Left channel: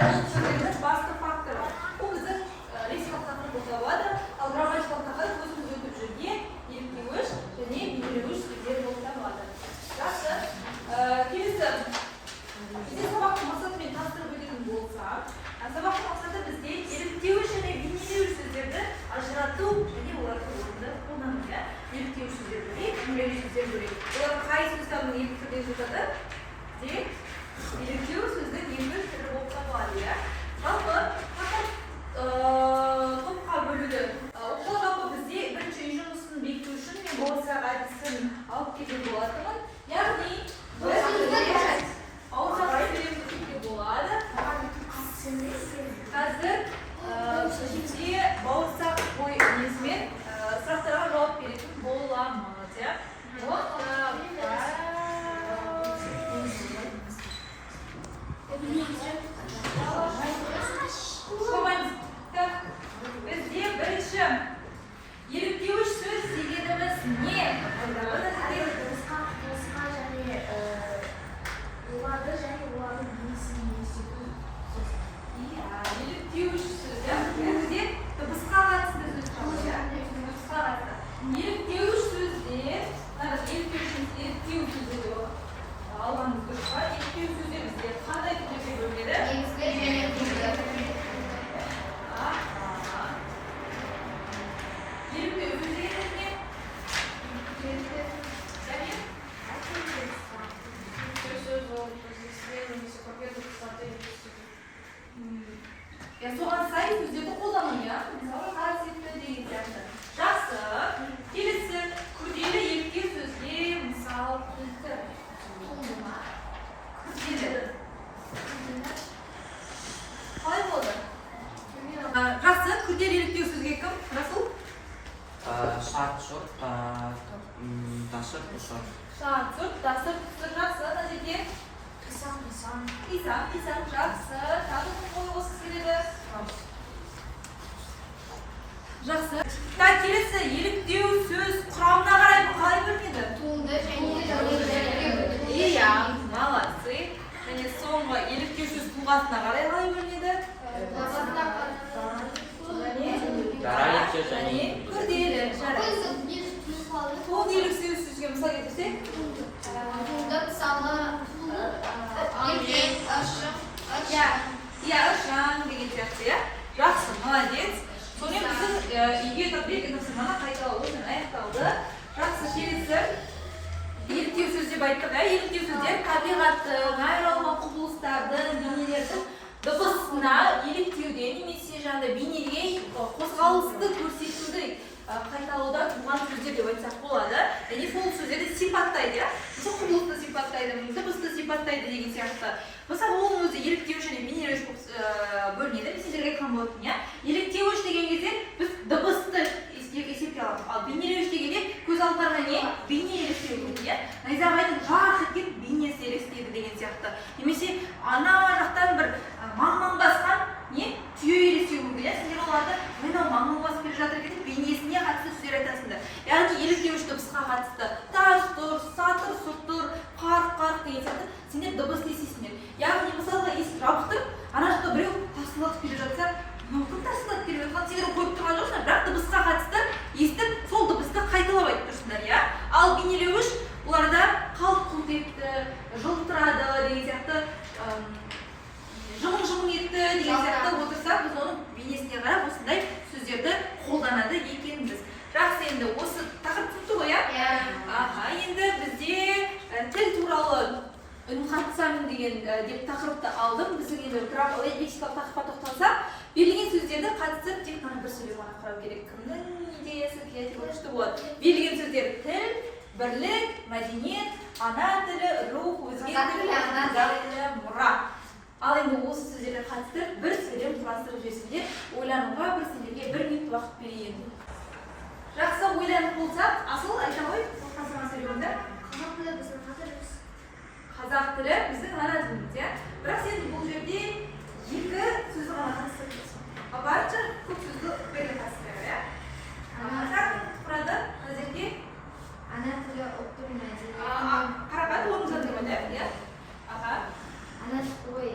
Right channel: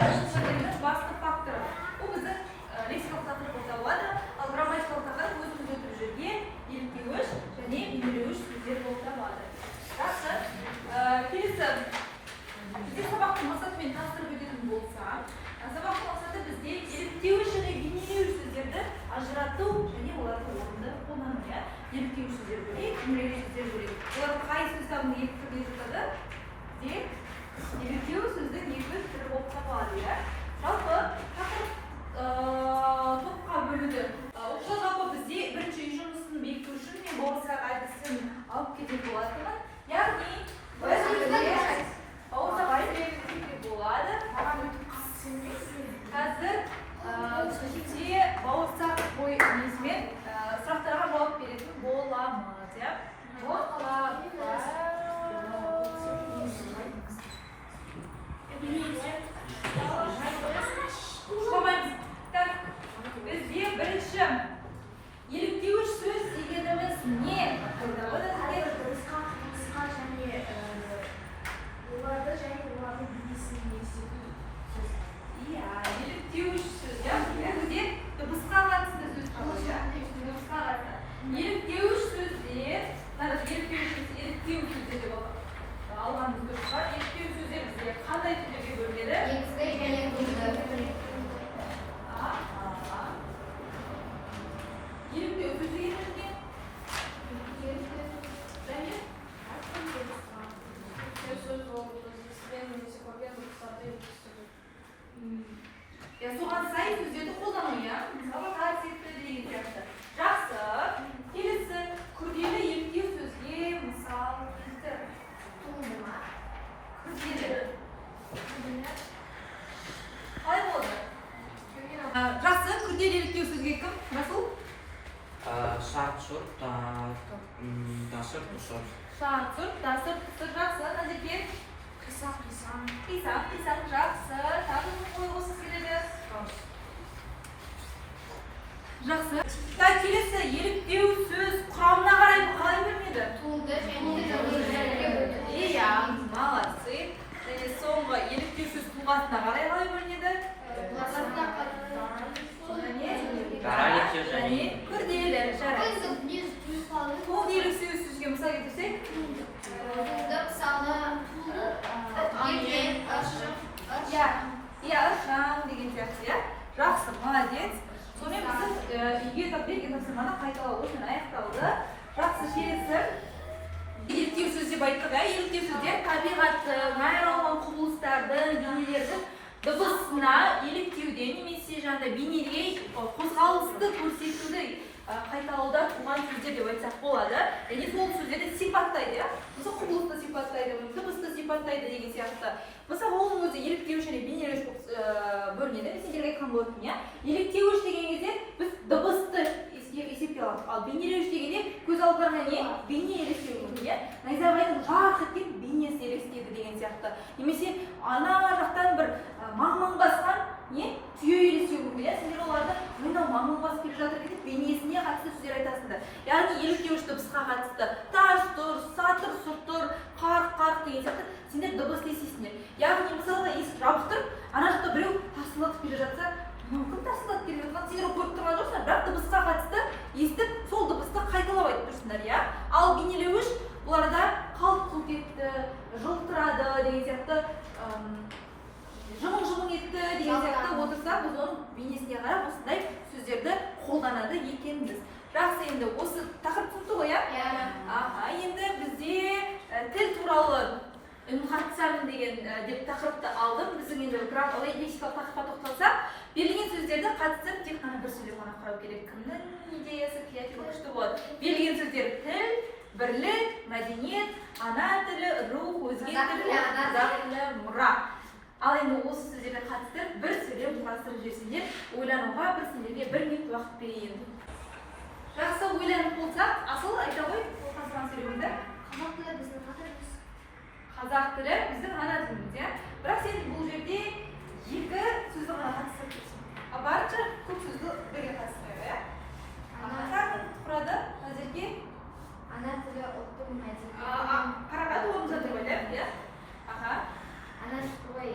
сөздердің басты факторы. Бұл біздің лексикалық тақырып болып табылады. Ал грамматикалық тақырып өзіміз өтіп жүрген еліктеуіш және бейнелеуіш сөздер болып табылады. Жақсы. Келесі бізде сабақтың мақсатымен таныстырып өтетін болса, сабақтың мақсаты бізде еліктеуіш және бейнелеуіш сөздерді ажырату және оларды орынды қолдану. Еліктеуіш сөздер бөлек, бейнелеуіш сөздер бөлек. Оларға қай сөз табының екі түрде жатады? Еліктеу сөздің екі түрі болып табылады. Жалпы топқа бөлуді. Ол жалпы бізде бірінші үй жұмысын бекіту үшін мен бауырсақ әдісін алып кететін болатынмын. Яғни біз бауырсақ әдісін болады. Қазір бізде бауырсақ бой несімен сұрақтарға жауап беретін боламыз. Бізде бірінші еліктеуіш сөз дегеніміз не? Дыбысқа және оларды және олардың бейнесін елестету сөз. Иә, еліктеуіш сөз. Бізде дыбысқа қатысты сөз табылады. Дыбысқа қатысты. Еліктеуіш сөзде, еліктеу сөздер деп алғанымыз дұрыс па? Еліктеу сөздер бізде қандай түрге бөлінеді? Еліктеу сөз дегеніміз не? Және? Соған сай сөздерді қолдану, мысалы қасиетті деген сияқты. Жақсы. Келесі күрделі еліктеу сөзге мысал келтір. Туындыма. Күрделі. Қалай болды? Жақсы. Күрделі еліктеу сөзге кім? Расул? Сат, сот, тасыр, тұсыр. Сат, сот, тасыр, тұсыр. Жақсы. Назерге? Қисам. Қисам. Жақсы. Тағы кім қойғысы келеді? Жақсы. Келесі еліктеу сөз құрамына қарай қалай бөлінеді? Туынды және Иә, молодцы. Және соңғы еліктеу сөз тұлғасына қарай қалай бөлінеді? Және күрделі. Жарайды. Сол еліктеу сөзге мысал келтірсек? туынды мысалы Ыршаң деген сияқты. Жақсы, молодец. Сонымен біздің үйге берген тапсырманы қайталау осымен аяқталды. Жақсы, келесі еліктеу сөз деп айттық. Еліктеу сөздер табиғаттың, айрылған құбылыстардың, бейнелердің дыбысына еліктеуге немесе бейнеге қозғалысты көрсетуді қайталауда туған сөздер деп айтсақ болады. Және сол сөздерді сипаттайды. Осы құбылысты сипаттайды, дыбысты сипаттайды деген сияқты. Мысалы, оның өзі еліктеуіш және бейнелеуіш бөлінеді. Мен сендерге айтқан болатын. Еліктеуіш деген кезде біз дыбысты есепке аламыз. Ал бейнелеуіш дегенде көз алдымызға не? Бейне елестеуі. Найзағайдың жарқ еткен бейнесі елестейді деген сияқты. Немесе ана жақтан бір маң басқан түйе елестеуі мүмкін. Сендер оларды мынау маң басып келе жатыр екен, бейнесіне қатысты сөздер айтасыңдар. Яғни еліктеуіш дыбысқа қатысты тас тұр, сатыр, сұтыр, қарқ деген сияқты сендер дыбысты естисіңдер. Яғни мысалға есік жабықтырып, ана жақта біреу тасылатып келе жатса, мүмкін тасылатып келе жатқан сендер көріп тұрған жоқсыңдар, бірақ дыбысқа қатысты естіп, сол дыбысты қайталап айтып тұрсыңдар. Ал бейнелеуіш бұларда қалт-құлт етті, жылтырады деген сияқты, жымың етті деген сияқты отырса, біз оның бейнесіне қарап осындай сөздерді қолданады екенбіз. Жақсы, енді осы тақырып түсінікті ғой, енді бізде тіл туралы үнқатысамын деген деп тақырыпты алдым. Біздің енді лексикалық тақырыпқа тоқталсақ, берілген сөздерді қатысып тек қана бір сөйлем ғана қарау керек. Кімнің идеясы креативті күшті болады. Берілген сөздер тіл, бірлік, мәдениет, ана тілі, рух, өзге тілі, қазақ тілі, мұра. Ал енді осы сөздерге қатыстырып бір сөйлем құрастырып жіберсеңдер, ойлануға бір сендерге 1 минут уақыт берейін. Жақсы, ойланып болсақ, асыл айта ғой, ол қазған сөйлемді. Қазақ тілі біздің ана тіліміз. Бірақ сен бұл жерде 2 сөзді ғана қатыстырып жүрсің. Барынша көп сөзді бере қатыстырып. Қазақ құрады, әзірге? Ана тілі ұлттық мәдениет. Қарағат, оның жатыр ма? Ана тілі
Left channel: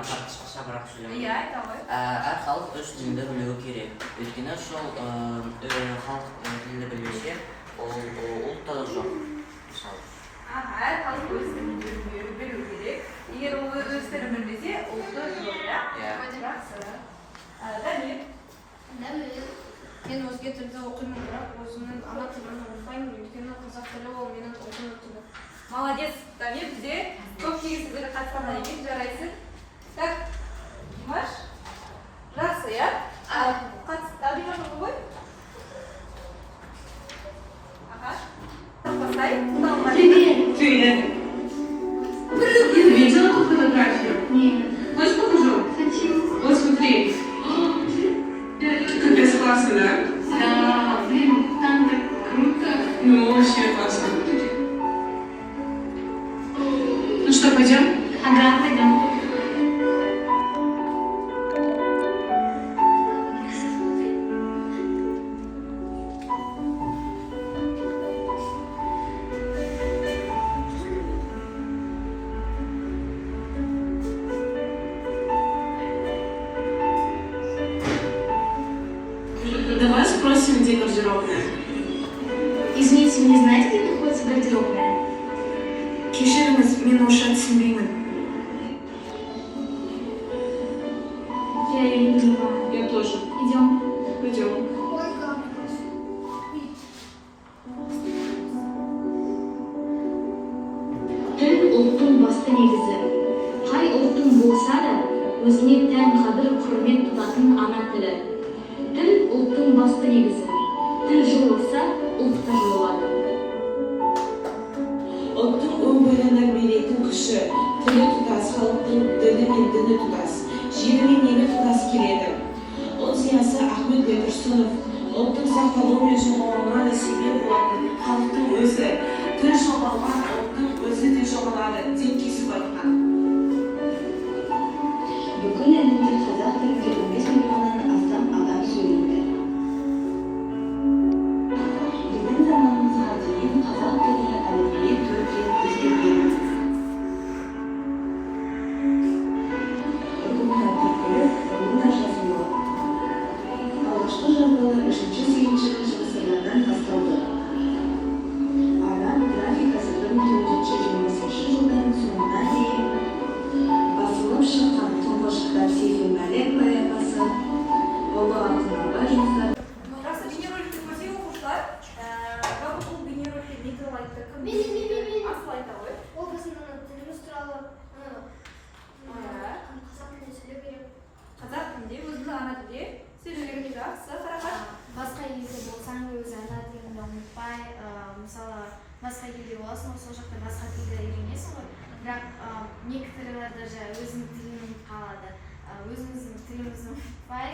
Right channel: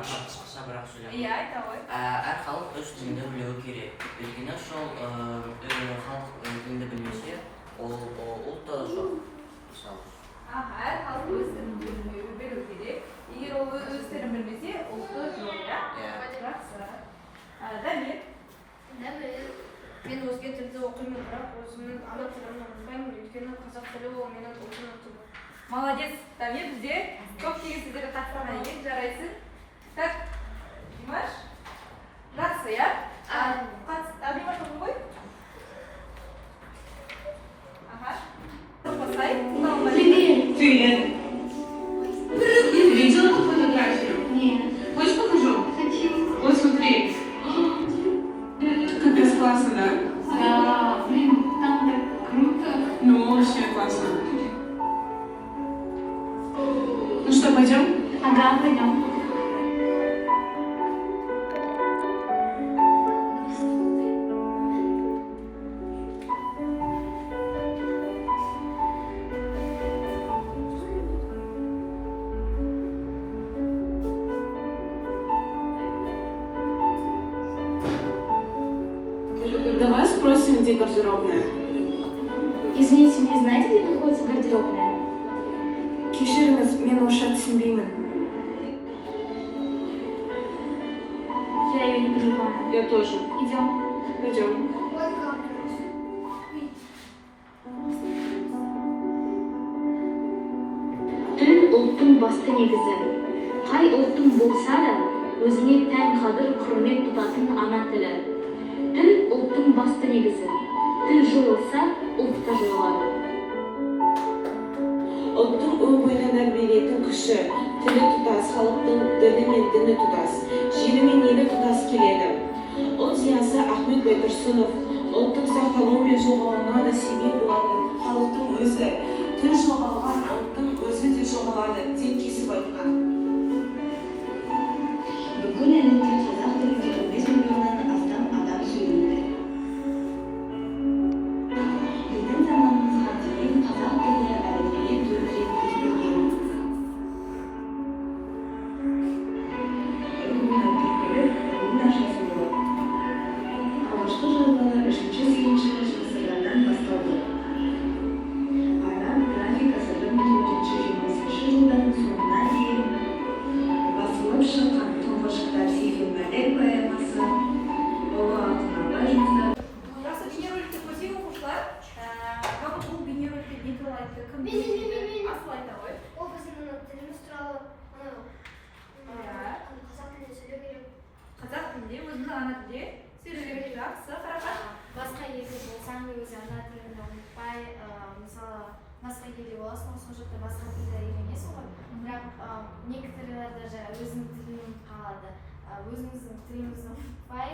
қысқарақ сөйлеймін. Иә, айта ғой. Әр халық өз тілінде білуі керек. Өйткені сол халық тілінде білмесе, ол ұлт та жоқ. Мысалы. Әр халық өз тілін білуі керек. Егер ол өз тілін білмесе, ұлты жоқ, иә? Жақсы. Дамир. Мен өзге тілді оқимын, бірақ өзімнің ана тілімін ұмытпаймын, өйткені қазақ тілі ол менің ұлттың тілі. Молодец, Дамир, бізде көп кеңестерге қатысқаннан кейін жарайсың. Так, Димаш. Жақсы, иә? Димаш оқы ғой? Аха. Басай, тыңдауға. Привет. Ты видела ту фотографию? Нет. Хочешь покажу? Хочу. Вот смотри. Капец классно, да? Да, блин, там так круто. Ну, вообще классно. Ну что, пойдем? Ага, пойдем. Давай спросим, где гардеробная. Извините, вы не знаете, где находится гардеробная? Кешіріңіз, мен орысша түсінбеймін. Я ее не понимаю. Я тоже. Идем. Пойдем. Тіл ұлттың басты негізі. Қай ұлттың болса да, өзіне тән қадір құрмет тұтатын ана тілі. Тіл ұлттың басты негізі. Тіл жойылса, ұлт та жойылады. Ұлттың өмірін тәрбиелейтін күші, тілі тұтас, халықтың ділі мен діні тұтас, жері мен елі тұтас келеді. Ұлт зиясы Ахмет Байтұрсынов, ұлттың сақталуы мен жоғалуына да себеп болатын халықтың өзі, тіл жоғалған ұлттың өзі де жоғалады деп кесіп айтқан. Бүкіл әлемде қазақ тілінде 15 миллионнан астам адам сөйлейді. Біздің заманымызға дейін қазақ тілі әліпбиі 4 рет өзгерген. Үкімет тілі онда жазылуы. Алғашқы жазулар 3-8 ғасырлардан басталды. Араб графикасы 1420 жылдардың соңына дейін басылып шыққан тұңғыш кітап Сейфул Мәлек поэмасы, Ұлы Алтын Абай жұмыстары. Жақсы бейнероликті көрсек оқушылар. Жалпы бұл бейнероликте не туралы айтты? Кім Мен. асыл айта ғой. Ол біздің тіліміз туралы қазақ тілінде сөйлеу керек. Қазақ тілінде, өзінің ана тілде сөйлеу керек. Жақсы, қарақат. Басқа елде болсаң өзі ана тіліңді ұмытпай, мысалы басқа елде боласың, сол жақта басқа тілді үйренесің ғой. Бірақ некоторые даже өзінің тілін ұмытып қалады. Өзіміздің тілімізді ұмытпай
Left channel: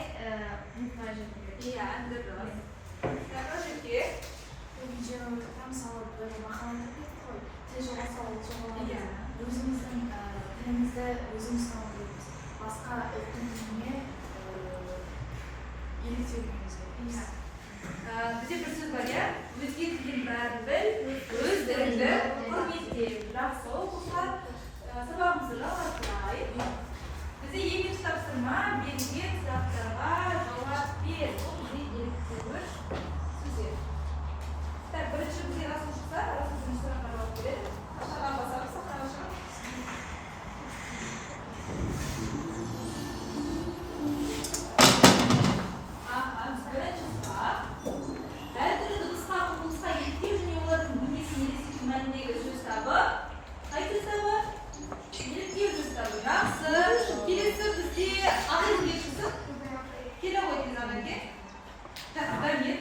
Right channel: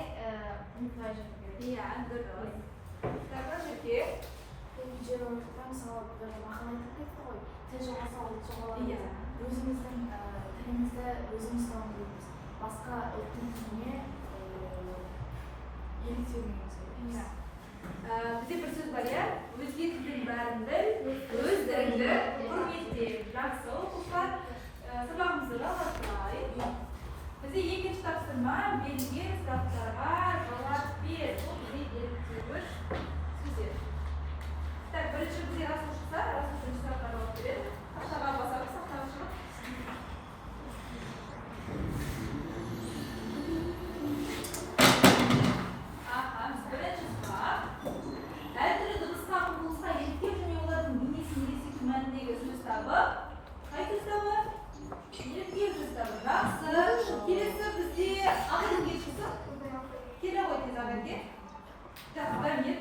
жүру керек. Иә, дұрыс. Тағы жеке. Бұл видеода мысалы бір мақаланы кетті ғой. Тіл жоғалса ол жоғалады. Иә. Өзіміздің тілімізді өзіміз дамытуымыз. Басқа ұлттың тіліне еліктеуіміз керек. Иә. Бізде бір сөз бар, иә? Өзге тілдің бәрін біл, өз тіліңді құрметте. Жақсы, оқушылар. Сабағымызды жалғастырайық. Бізде екінші тапсырма берілген сұрақтарға жауап бер. Бұл бізде еліктеуіш сөздер. Так, бірінші бізде Расул шықса, Расул бірінші сұраққа жауап береді. Сақтаға басамыз, сақтаға шығып. Бірінші сұрақ. Әртүрлі дыбысқа, құбылысқа еліктеу және олардың бейнесін елестету мәніндегі сөз табы. Қай сөз табы? Еліктеу сөз табы. Жақсы. Келесі бізде ақыл ешісі. Келе ғой тез ағайге. Жақсы, Дамир.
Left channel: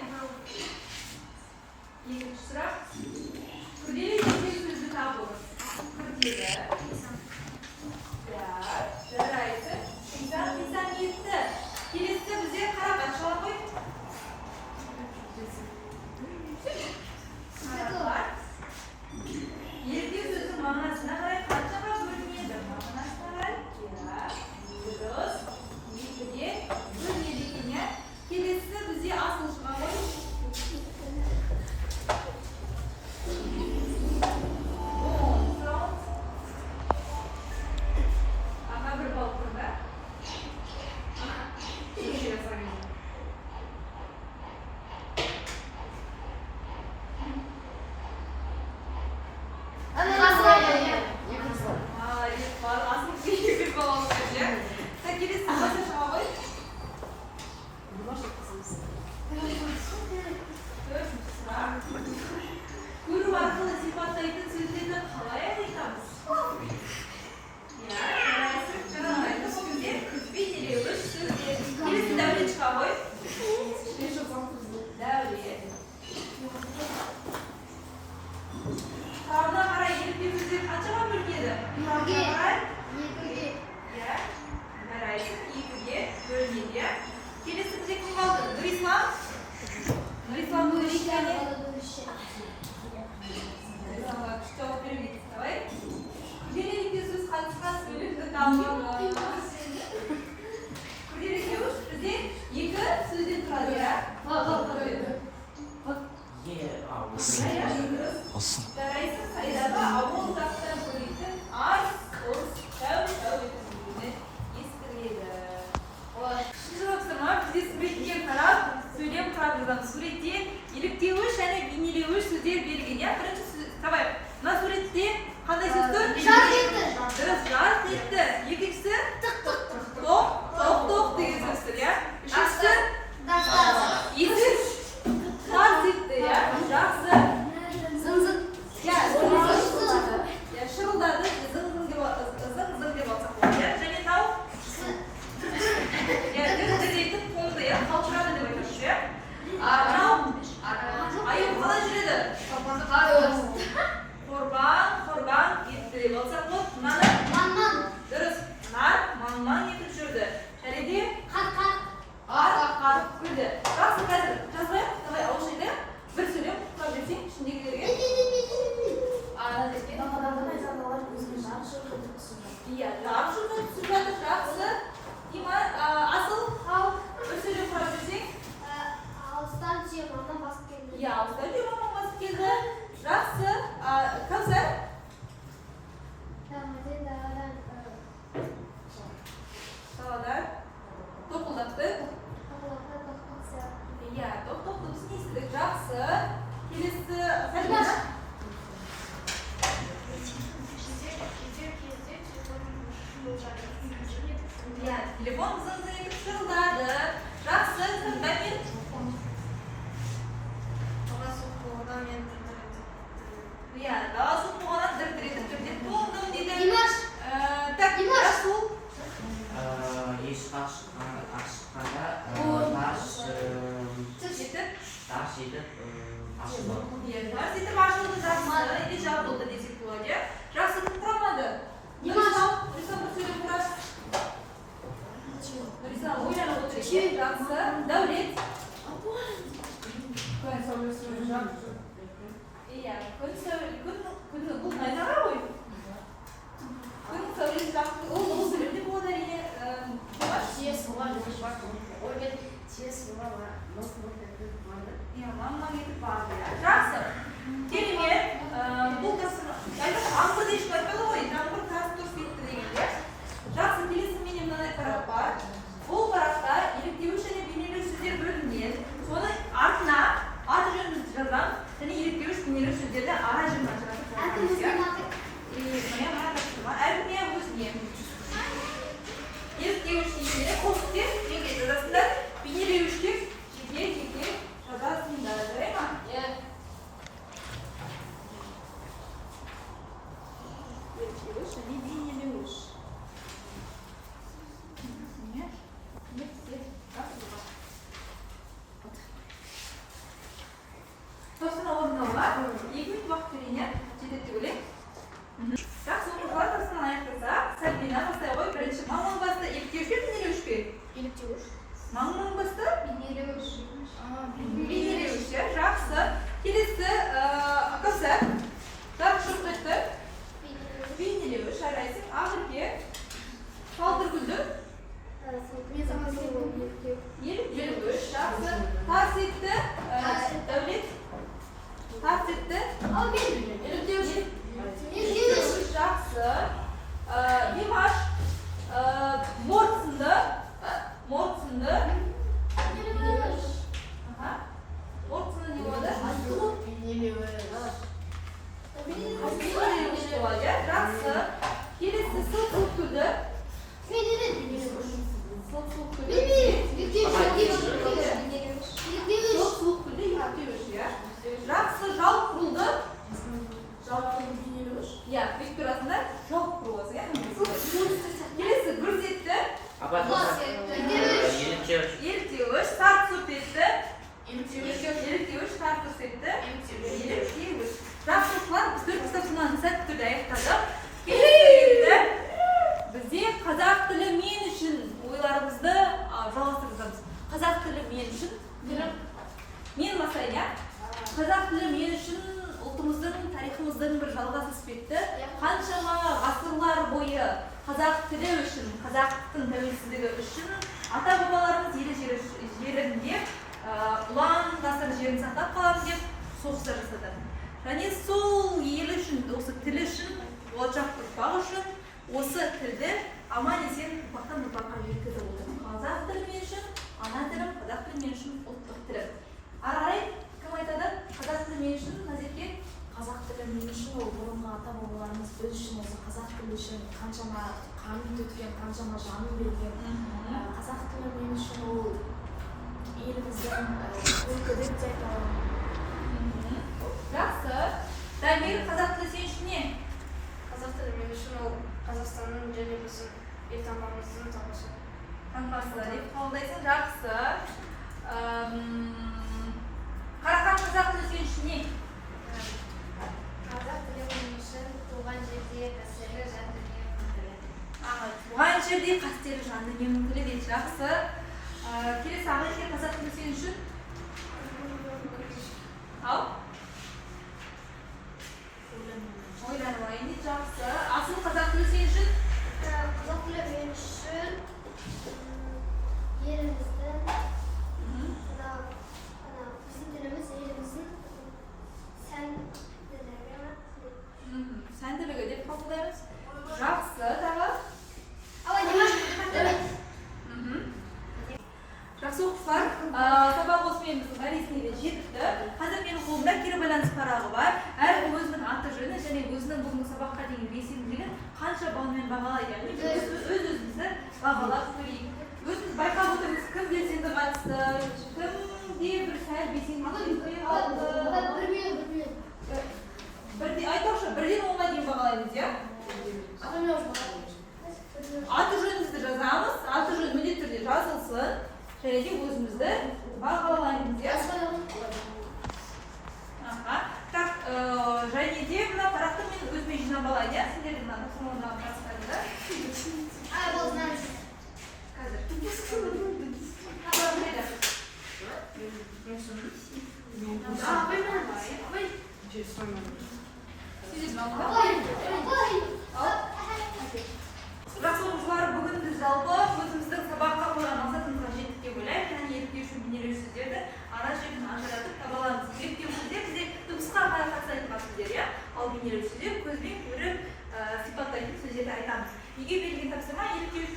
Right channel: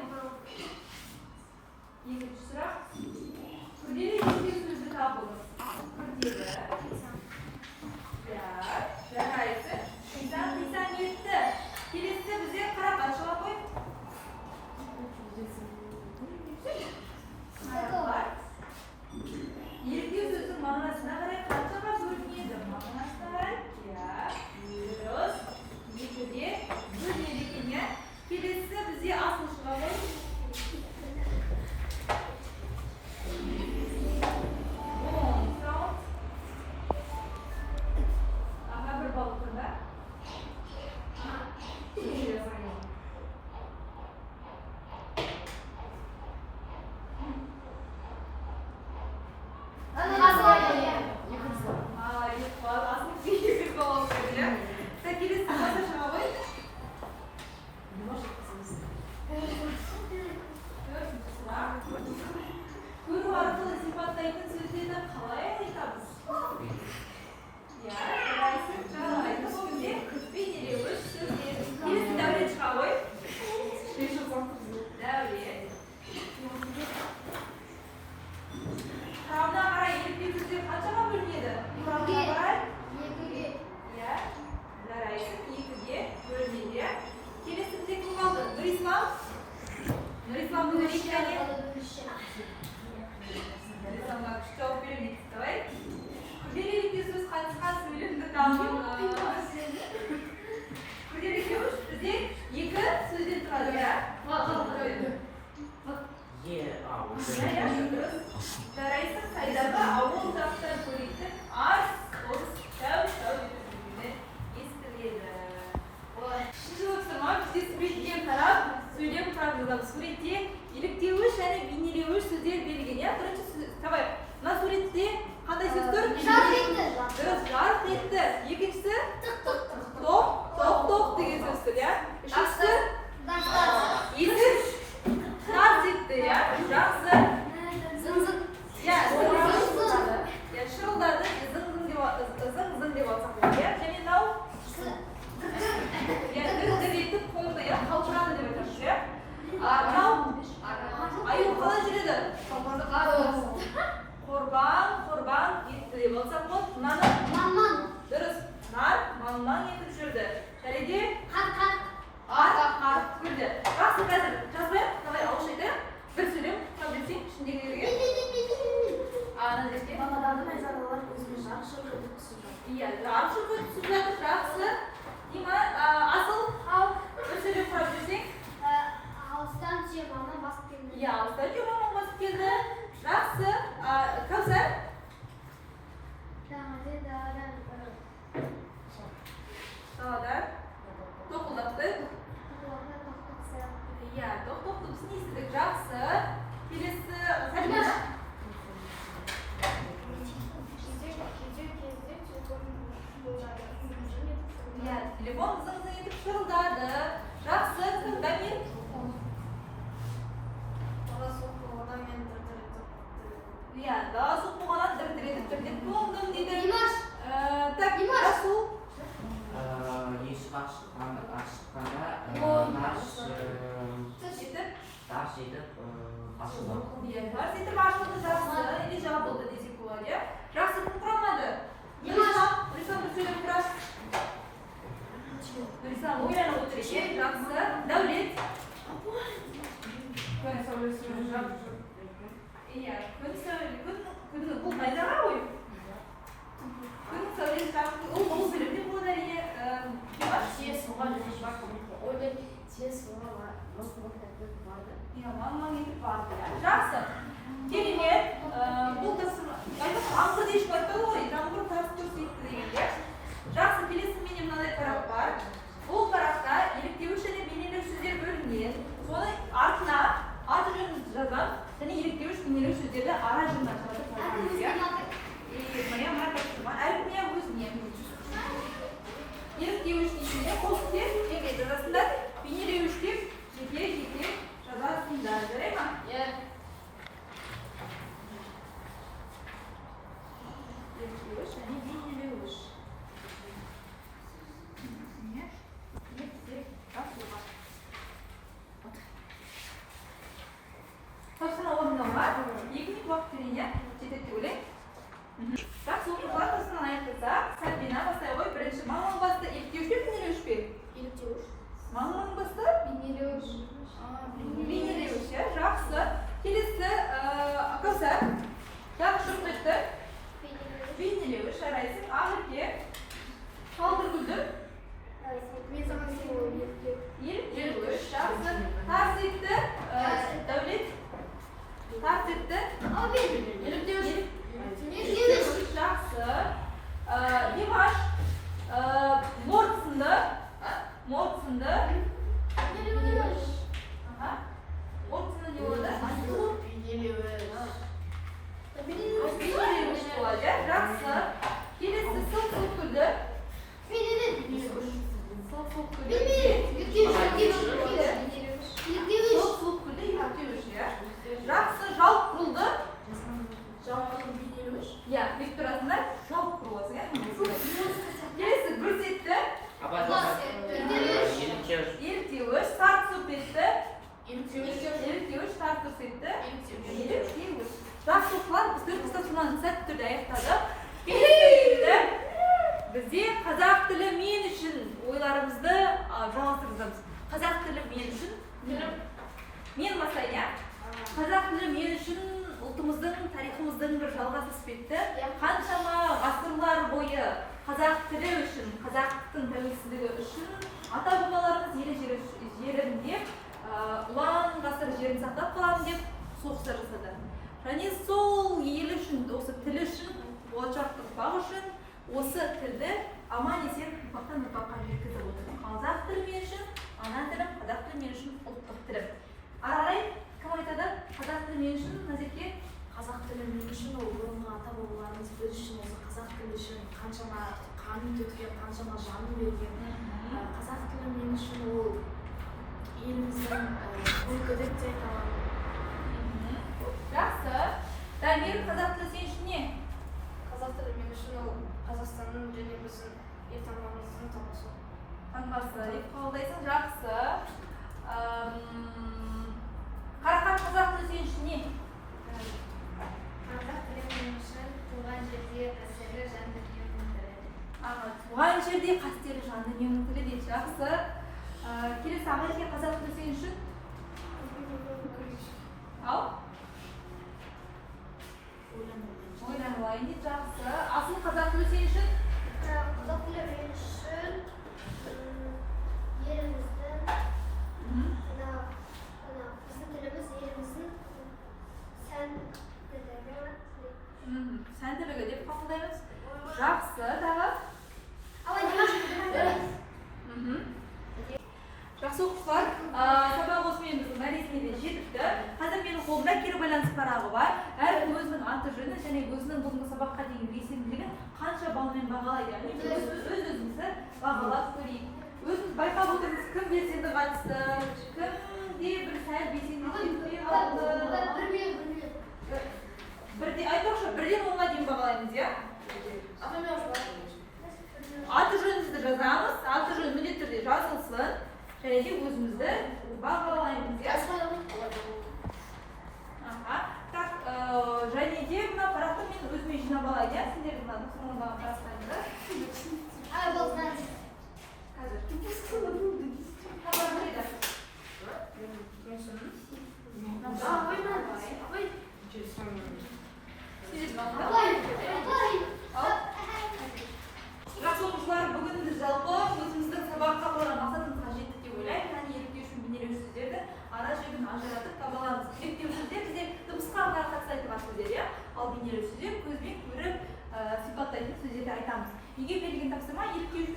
Екінші сұрақ. Жарайсың қайдағы ауыл жақтан көретін аз орыс тәу ететіндігіне естіледі. Шынжылыпсың ма? Бізде суретке қарап, сөйлем қарап жазамыз. Суретте еліктеуіш және бейнелеуіш сөздер берілген. Я бірінші сөз, давай. Мына суретте қандай сөз тұр? Жарқ етті. Дұрыс, жарқ етті. Екіншісі? Тоқ деген сөз тұр, я? Үшіншісі? Есіс? Тарс етті, я? Жақсы. Шырылдады, зың-зың деп алсақ болады, я? Және тау? Дір етіп қолды, я? Қалшырады деп айтамыз, я? Мынау? Аю қалай жүреді? Қорбан етті деп алсақ болады. Мынаны? Дұрыс. Нар, ман етіп жүрді. Шәреде? Қар көрді. Жақсы, қазір жазбайық. Давай ауызша айтайық. Бір сөйлем құрап берсең ішіндегілерге. Иә, жарқ жұртын түсіп жатыр, жақсы. Дима, асыл, ал бір сөйлем құрап берсең. Алыстан түйе қондан басып келді. Иә, алыстан түйе қондан басып келді. Жақсы. Кәусар? Даладан тоқылдақты. Иә, тоқ дыбысын естідік. Жақсы. Келесі Сәлимаш. Иә, телефон зың-зың етіп шырылдады. Жақсы. Дамир. Иә, дала суық болғаннан дір-дір етіп туылдым дейді. Димаш. Так, Расул. Есік ашыққанда тарс етіп ашылды. Иә, тарс етіп ашылды, жақсы. Или жабылды десек болады, иә? Жақсы кім құрамады? Рисам бір сөйлем құрас. Рисам ойланып отыр екен, жақсы. Дәулет. Күн сәулесі жақсы. Иә, күн бұл найзаға ғой. Күн сәулесі жақсы. Ол сөйлемде болады әрине. Иә, маңнан етіп барды, иә. Жақсы. Керемет. Бұл тырсын. Аңғырды ешкі айтпайды ғой. Жаңғыр тарс тұрс етті дегенде. Жақсы, келесі менде мынадай парақ бар. Бұл парақта еліктеуіш және бейнелеуіш сөздер бөлінген. Соны артына аты жөнін жазам. Және еліктеуіш бейнелеуіш сөздерді ара жырына жазып жазамыз, иә? Моя тапсырма. Әркіне өзіне. Еліктеуіш немере қосып жеке жазасыңдар. Бейнелеуіште жеке жазасыңдар. Жарай ма? Иә. Еліктеуіш және бейнелеуіш. Тапсырма орындауға 2 минут уақыт берейін, жетеді деп ойлаймын. Жақсы, оқушылар тапсырманы аяқтаса, Сәлбина бастай ғой. Бірінші маңның басты еліктеуіш пе, бейнелеуіш пе? Еліктеуіш. Маңның басты? Бейнелеуіш. Бейнелеуіш, жақсы. Келесі Кәусар. Так, шұрқ етті. Бейнелеуіш, жарайсың. Ақерке. Қалдыргүлдің. Еліктеуіш, жақсы. Тарс етті. Дәулет. Тарс етті. Еліктеуіш. Жақсы. Димаш. Морт сынды. Морт сынды не болады? Бейнелеуіш болады, жақсы. Келесі сылқ-сылқ күлді. Сылқ-сылқ күлді. Сылқ-сылқ күлді, еліктеуіш, иә. Жақсы, жалп құрылды. Иә, бек турасында жалп құрыласы, иә. Келесі гүрс етті. Еліктеуіш, тарт сұрт етті. Еліктеуіш, тарт сұрт етті. Еліктеуіш. Жақсы оқушылар, біз 4 тапсырманы сәтті түрде аяқтадық. Келесі бізде қазақ тілі мен үшін ойларымызды жалғастырып. Қазақ тілі мен үшін мен масайын, иә? Қазақ тілі мен үшін ұлтымыздың, тарихымыздың бір жалғасы іспетті. Қаншама ғасырлар бойы қазақ тілі үшін, қазақтың тәуелсіздігі үшін ата-бабаларымыз елі жерінде ұлан ғасыр жерін сақтап қаламын деп соғыстар жасады. Және сол ел үшін, осы тіл үшін, болашақ ұрпақ үшін осы тілді аман есен ұрпақтан ұрпаққа жеткізіп отыр. Қазақ тілі мен үшін ана тілім, қазақ тілі мен үшін ұлттық тілім. Ары қарай кім айтады? Қазақ тілі мен үшін Назерке? Қазақ тілі мен үшін ол бұрынғы ата бабаларымыз біз үшін осы қазақ тілі үшін қаншама қанын төккен, қаншама жанын берген. Қазақ тілі мен үшін ол еліміздің үлгі деп те айта Жақсы. Дамир, қазақ тілі сен үшін не? Қазақ тілі мен үшін ол Қазақстанның және біздің елтаңбамыздың таңбасы. Таңбасы деп қабылдайсың. Жақсы. Қарақан, қазақ тілі сен үшін не? Қазақ тілі мен үшін туған жерде қастерлі жан дүниенің тілі. Туған жерде қастерлі жан дүниенің тілі дейді. Жақсы. Келесі Ағайке, қазақ тілі сен үшін? Ал? Ойланайын дейді. Жақсы. Асыл, қазақ тілі сен үшін? Қазақ тілі мен үшін еліміздің біздің тіліміз еліміздің Сәнділігі деп қабылдаймыз. Жақсы. Дағы? Жақсы оқушылар, сабақ осымен біздің мәресіне де жетті. Қазір менің қолымда кері байланыс парағы бар. Әркім өзінің аты жөні және өзінің бүгінгі сабаққа деген белсенділігін қанша балмен бағалайды. Өз-өзімізді бағалап көрейік. Өзіміз байқап отырмыз, кім белсенді қатысты, кімде бір сәл белсенділік алды. Айтпақшы, бірден 10-ға дейін бағалаймыз, иә? Аты жөнімізді жазамыз, аты жөн міндетті түрде жазылсын. Және де өзімізді бағалаймыз, иә? Так, және де мына парақты мен өзіме жинап алайын, иә? Сендердің мына соңындағы парақтарыңды. Жақсы оқушылар, бүгін біз жалпы өзіміздің сабаққа қойған мақсатымызға жеттік деп ойлаймын. Яғни еліктеуші бейнелеу сөздерді ара жігін ажыратып таба аламыз. Еліктеу сөздер бізде дыбысқа қатысайтын сөздер, иә? Ал бейнелеу сөздер көзбен көріп сипаттайтын сөздерді айтамыз. Егер берілген тапсырма еліктеуші